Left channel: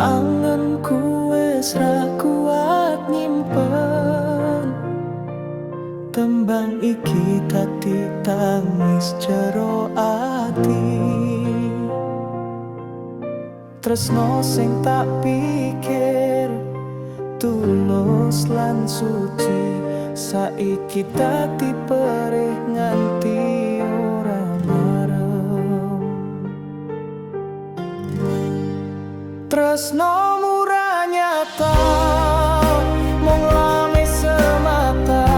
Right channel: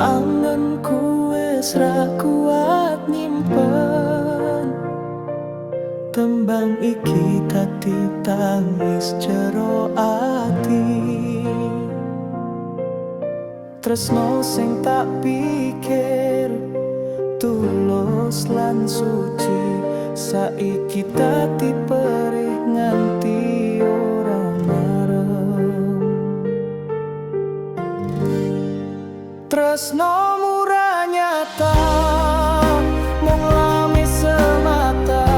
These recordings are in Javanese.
Pikiranku wis ra kuat nyimpen. Tembang iki dadi tangis jero ati. Tresno sing tak pikir tulus lan suci. Saiki dadi perih nganti Tresno murah nyata mung lami semata.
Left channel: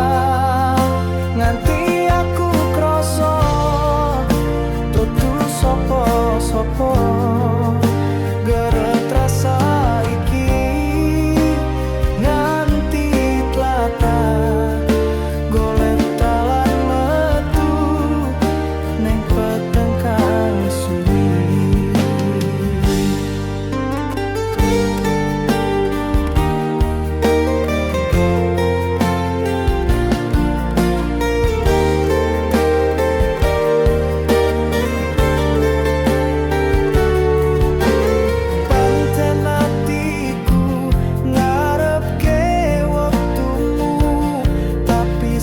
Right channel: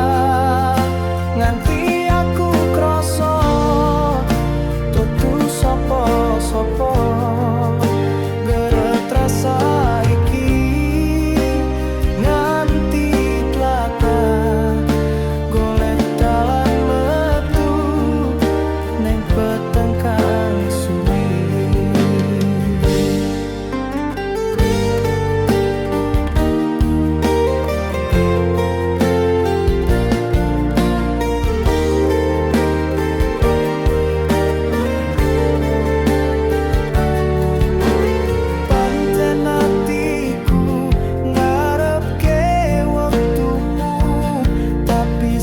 Nganti aku kroso tutu sopo sopo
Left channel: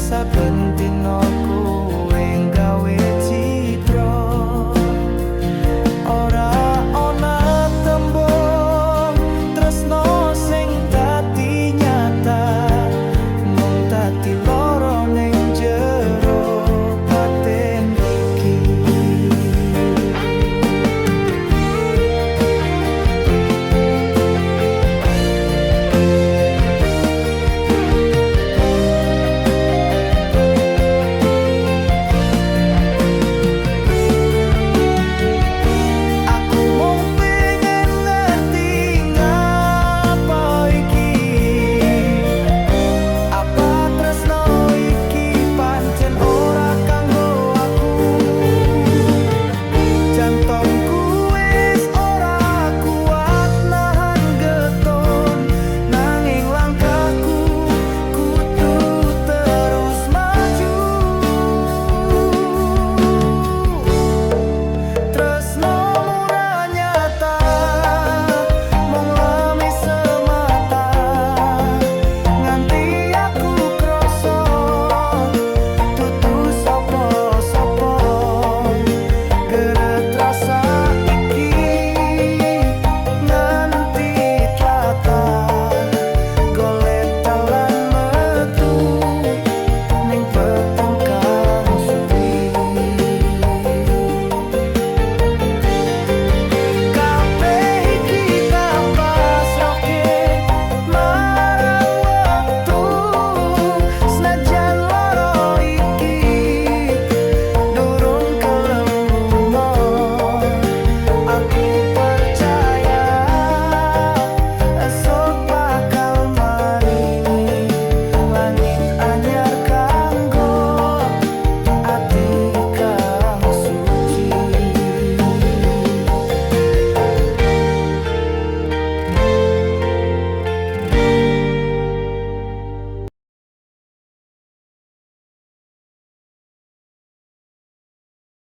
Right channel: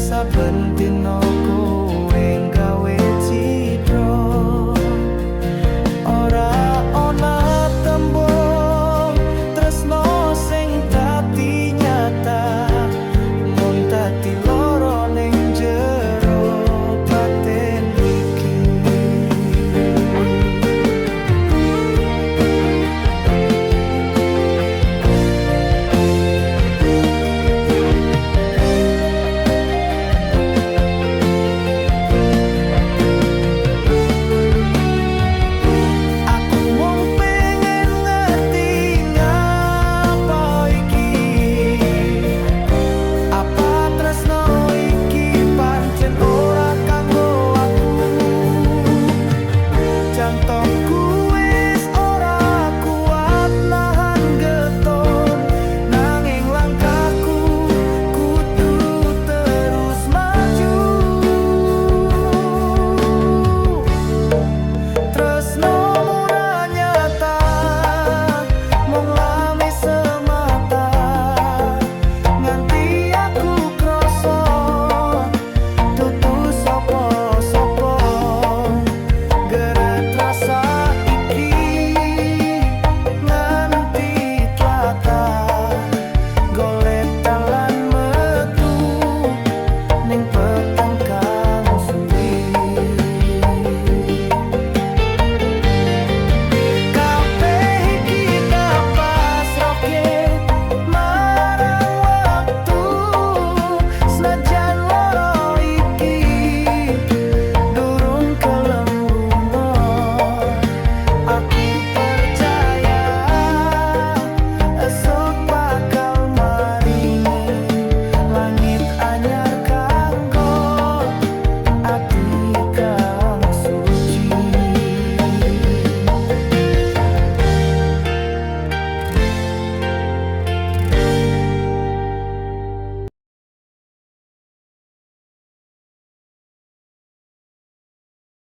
saben dina kowe gawe citra. Ora ana tembung tresno sing tati nyata mung dadi loro ning jero. Bye.